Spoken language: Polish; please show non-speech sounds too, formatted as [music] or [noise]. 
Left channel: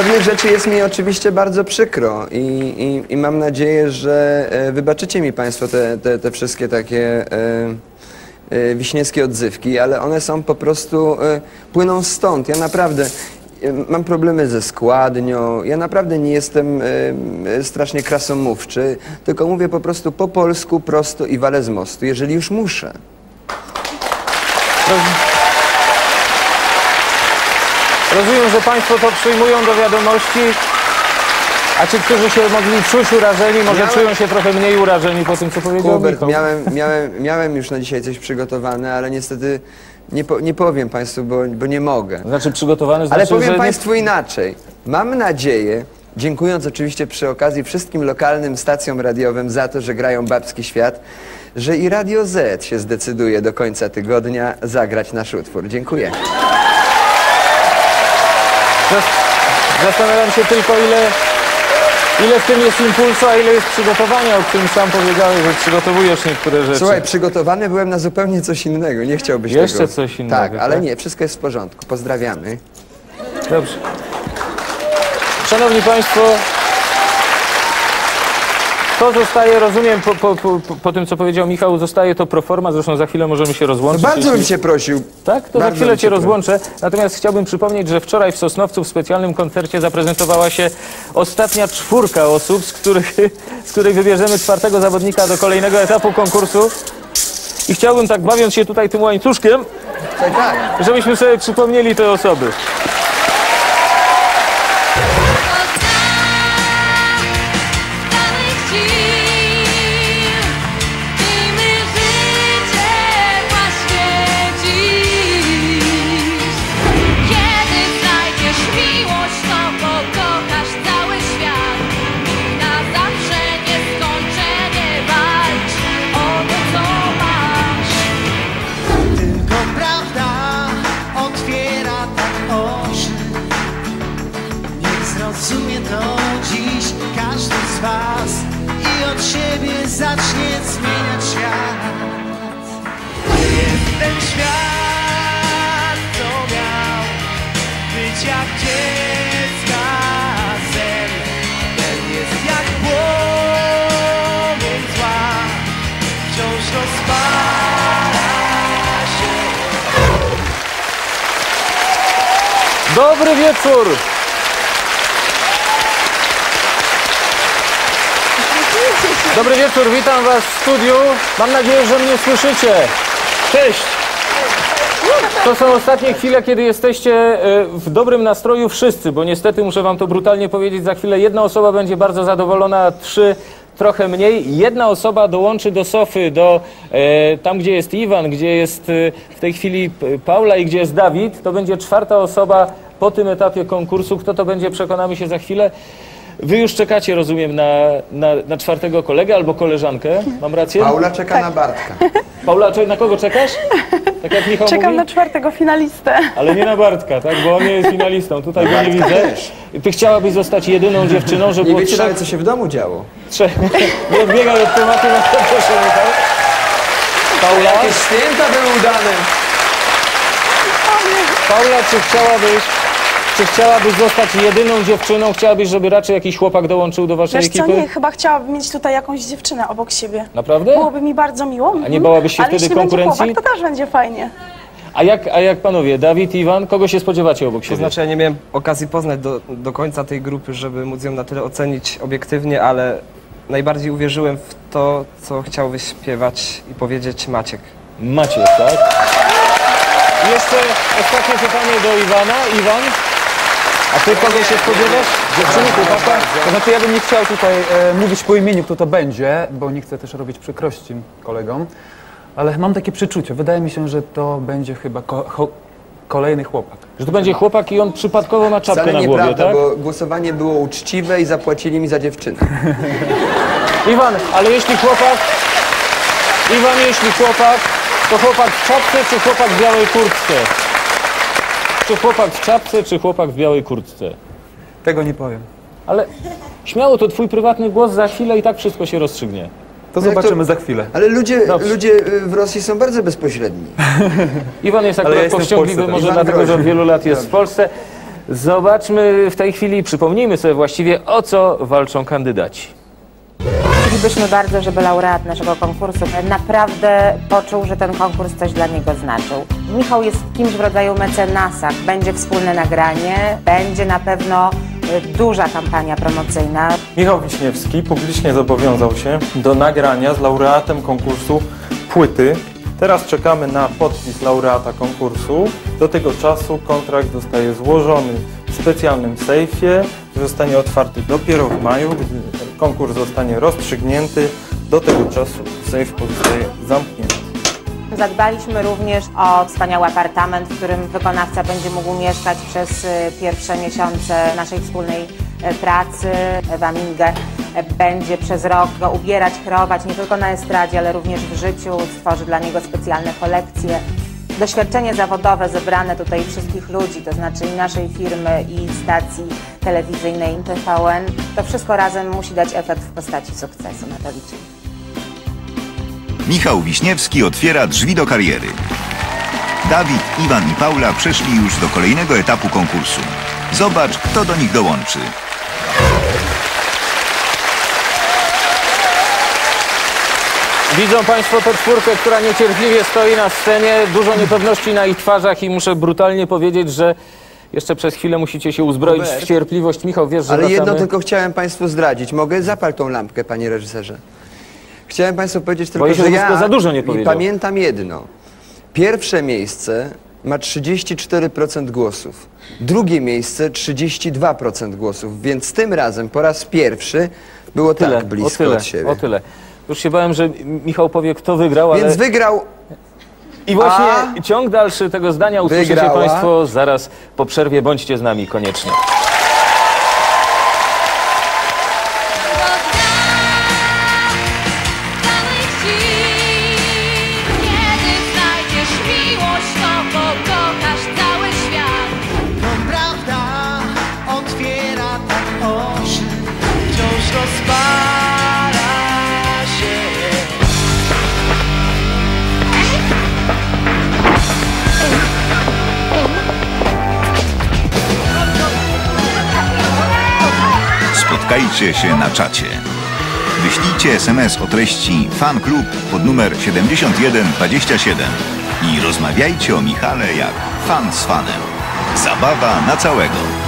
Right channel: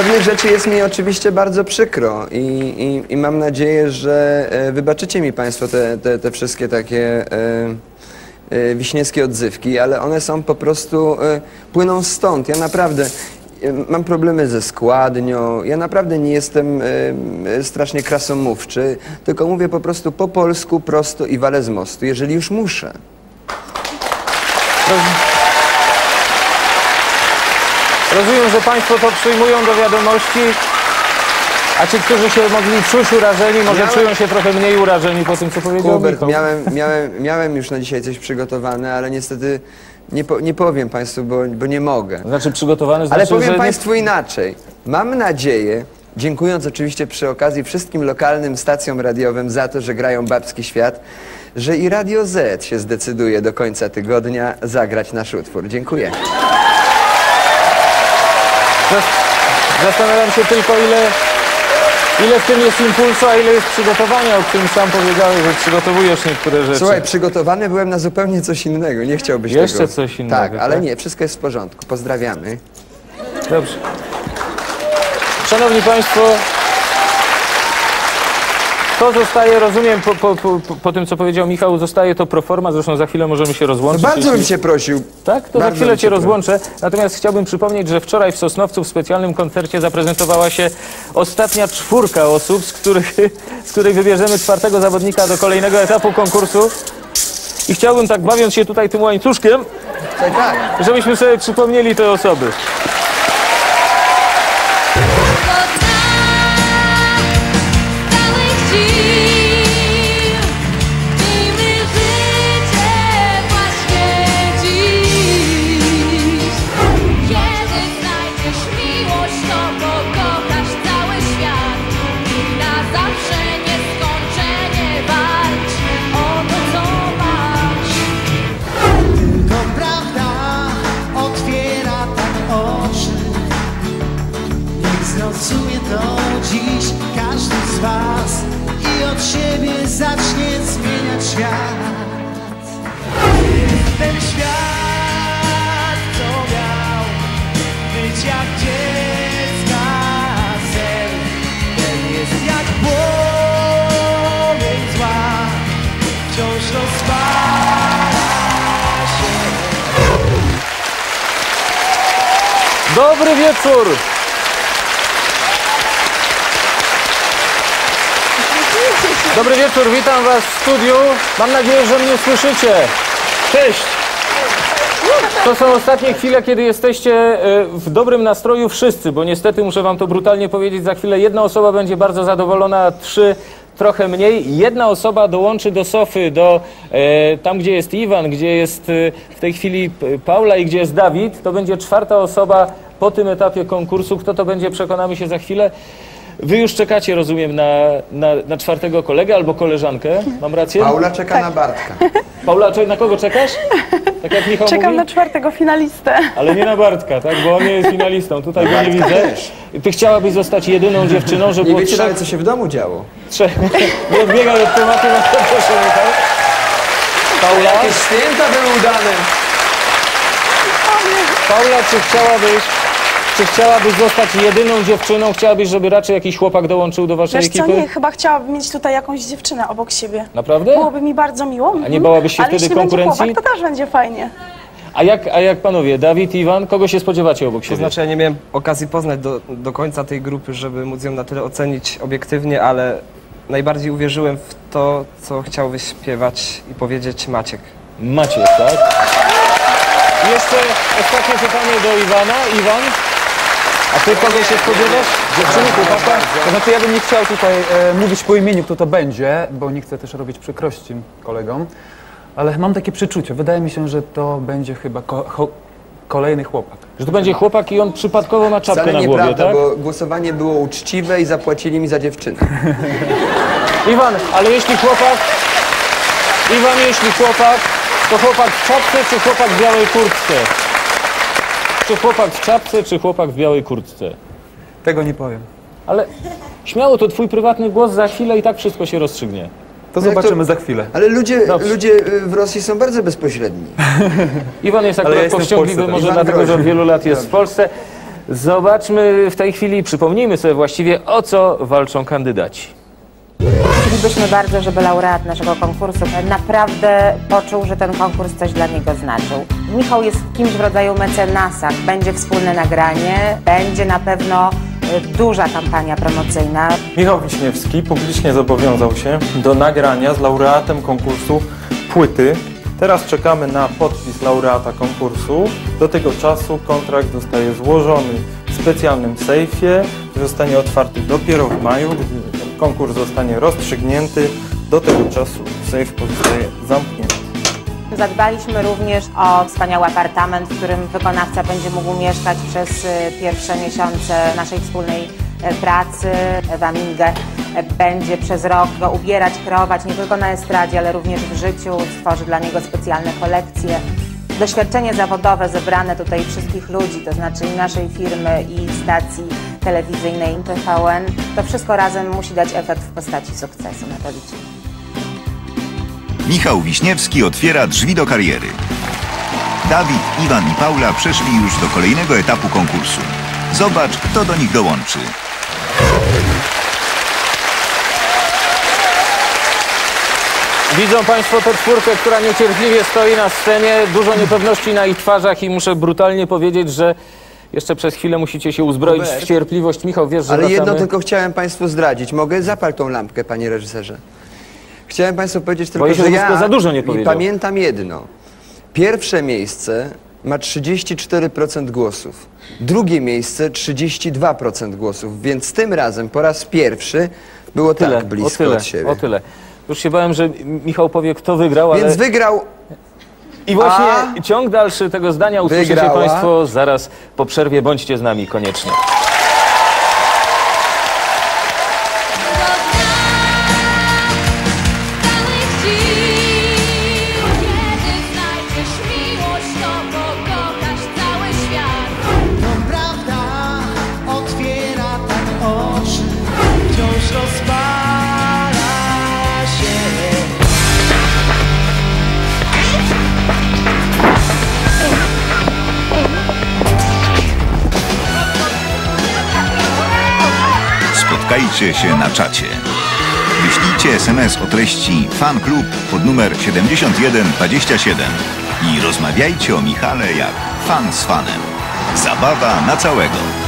Pewnych rzeczy jest mi oczywiście bardzo przykro i, i, i mam nadzieję, że e, wybaczycie mi Państwo te, te, te wszystkie takie e, e, wiśniewskie odzywki, ale one są po prostu, płyną stąd. Ja naprawdę mam problemy ze składnią, ja naprawdę nie jestem strasznie krasomówczy, tylko mówię po prostu po polsku, prosto i walę z mostu, jeżeli już muszę. Rozumiem, że Państwo to przyjmują do wiadomości, a ci, którzy się mogli czuć urażeni, może Miałem- czują się trochę mniej urażeni po tym, co powiedział Hubert, Michał. miałem, miałem, miałem już na dzisiaj coś przygotowane, ale niestety nie, po, nie powiem Państwu, bo, bo nie mogę. Znaczy przygotowany, Ale znaczy, powiem że Państwu inaczej. Mam nadzieję, dziękując oczywiście przy okazji wszystkim lokalnym stacjom radiowym za to, że grają Babski Świat, że i Radio Z się zdecyduje do końca tygodnia zagrać nasz utwór. Dziękuję. Zas- Zastanawiam się tylko, ile, ile w tym jest impulsu, a ile jest przygotowania, o którym sam powiedziałeś, że przygotowujesz niektóre rzeczy. Słuchaj, przygotowany byłem na zupełnie coś innego. Nie chciałbyś Jeszcze tego. coś innego, Tak, ale tak? nie, wszystko jest w porządku. Pozdrawiamy. Dobrze. Szanowni Państwo, to zostaje, rozumiem, po, po, po, po tym, co powiedział Michał, zostaje to proforma, zresztą za chwilę możemy się rozłączyć. Bardzo jeśli- bym cię prosił. Tak, to za Bardzo chwilę bym Cię cię rozłączę. Natomiast chciałbym przypomnieć, że wczoraj w Sosnowcu w specjalnym koncercie zaprezentowała się ostatnia czwórka osób, z których, z której wybierzemy czwartego zawodnika do kolejnego etapu konkursu. I chciałbym tak, bawiąc się tutaj tym łańcuszkiem, Tak, tak. żebyśmy sobie przypomnieli te osoby. Siebie zacznie zmieniać świat. Ten świat, co miał być jak dziecka sen. Ten jest jak płomień zła, wciąż rozpala się. Dobry wieczór! Dobry wieczór, witam Was w studiu. Mam nadzieję, że mnie słyszycie. Cześć! To są ostatnie chwile, kiedy jesteście e, w dobrym nastroju wszyscy, bo niestety muszę Wam to brutalnie powiedzieć, za chwilę jedna osoba będzie bardzo zadowolona, trzy trochę mniej. Jedna osoba dołączy do sofy, do e, tam, gdzie jest Iwan, gdzie jest e, w tej chwili P- Paula i gdzie jest Dawid. To będzie czwarta osoba po tym etapie konkursu. Kto to będzie, przekonamy się za chwilę. Wy już czekacie, rozumiem, na, na, na czwartego kolegę albo koleżankę. Mam rację? Paula czeka na Bartka. Paula, czy- na kogo czekasz? Tak jak Michał Czekam mówi? na czwartego finalistę. Ale nie na Bartka, tak? Bo on nie jest finalistą. Tutaj go nie widzę. też. Ty chciałabyś zostać jedyną dziewczyną, żeby Nie wiecie trzech... nawet, co się w domu działo. trzech... [laughs] Nie odbiegaj od tematu, no to proszę Michał. Paula, Jakieś święta były udane. Paula, czy chciałabyś... Czy chciałabyś zostać jedyną dziewczyną? Chciałabyś, żeby raczej jakiś chłopak dołączył do waszej Wiesz co, ekipy? nie, chyba chciałabym mieć tutaj jakąś dziewczynę obok siebie. Naprawdę? Byłoby mi bardzo miło. A nie bałabyś się Ale wtedy jeśli konkurencji? będzie chłopak, to też będzie fajnie. A jak, a jak panowie, Dawid, Iwan, kogo się spodziewacie obok To siebie? znaczy ja nie miałem okazji poznać do, do końca tej grupy, żeby móc ją na tyle ocenić obiektywnie, ale najbardziej uwierzyłem w to, co chciał wyśpiewać i powiedzieć Maciek. Macie, tak? Jeszcze ostatnie pytanie do Iwana. Iwan, a ty kogo się spodziewasz? Dziewczyny, chłopaka? To znaczy ja bym nie chciał tutaj e, mówić po imieniu, kto to będzie, bo nie chcę też robić przykrości kolegom, ale mam takie przeczucie. Wydaje mi się, że to będzie chyba ko- kolejny chłopak. Że to będzie chłopak i on przypadkowo ma czapkę Wcale na głowie, nieprawda, tak? bo głosowanie było uczciwe i zapłacili mi za dziewczynę. [laughs] Iwan, ale jeśli chłopak... Iwan, jeśli chłopak, to chłopak w czapce czy chłopak w białej kurtce? Czy chłopak w czapce, czy chłopak w białej kurtce? Tego nie powiem. Ale śmiało, to twój prywatny głos za chwilę i tak wszystko się rozstrzygnie. To No zobaczymy to- za chwilę. Ale ludzie, Dobrze. ludzie y, w Rosji są bardzo bezpośredni. [laughs] Iwan jest Ale akurat ja powściągliwy, tak. może Iwan dlatego, że od wielu lat jest w Polsce. Zobaczmy w tej chwili, przypomnijmy sobie właściwie, o co walczą kandydaci. Chcielibyśmy bardzo, żeby laureat naszego konkursu naprawdę poczuł, że ten konkurs coś dla niego znaczył. Michał jest kimś w rodzaju mecenasa. Będzie wspólne nagranie, będzie na pewno y, duża kampania promocyjna. Michał Wiśniewski publicznie zobowiązał się do nagrania z laureatem konkursu płyty. Teraz czekamy na podpis laureata konkursu. Do tego czasu kontrakt zostaje złożony w specjalnym sejfie, zostanie otwarty dopiero w maju, konkurs zostanie rozstrzygnięty. Do tego czasu sejf pozostaje zamknięty. Zadbaliśmy również o wspaniały apartament, w którym wykonawca będzie mógł mieszkać przez y, pierwsze miesiące naszej wspólnej y, pracy. Ewa Mingę y, będzie przez rok go ubierać, kreować nie tylko na estradzie, ale również w życiu. Stworzy dla niego specjalne kolekcje. Doświadczenie zawodowe zebrane tutaj wszystkich ludzi, to znaczy i naszej firmy, i stacji telewizyjnej TVN, to wszystko razem musi dać efekt w postaci sukcesu. Na to liczymy. Michał Wiśniewski otwiera drzwi do kariery. Dawid, Iwan i Paula przeszli już do kolejnego etapu konkursu. Zobacz, kto do nich dołączy. Widzą Państwo tę czwórkę, która niecierpliwie stoi na scenie, dużo niepewności na ich twarzach i muszę brutalnie powiedzieć, że jeszcze przez chwilę musicie się uzbroić w cierpliwość. Michał, wiesz, że Ale jedno wracamy? tylko chciałem Państwu zdradzić. Mogę? Zapal tą lampkę, panie reżyserze. Chciałem Państwu powiedzieć tylko, Boję się, że ja za dużo nie powiedział. pamiętam jedno. Pierwsze miejsce ma 34% głosów. Drugie miejsce 32% głosów. Więc tym razem po raz pierwszy było Tyle, tak blisko o tyle, od siebie. o tyle. Już się bałem, że Michał powie, kto wygrał, ale... Więc wygrał I właśnie A? ciąg dalszy tego zdania usłyszycie Wygrała? Państwo zaraz po przerwie. Bądźcie z nami koniecznie. Spotkajcie się na czacie. Wyślijcie SMS o treści Fan Klub pod numer 7127 i rozmawiajcie o Michale jak fan z fanem. Zabawa na całego.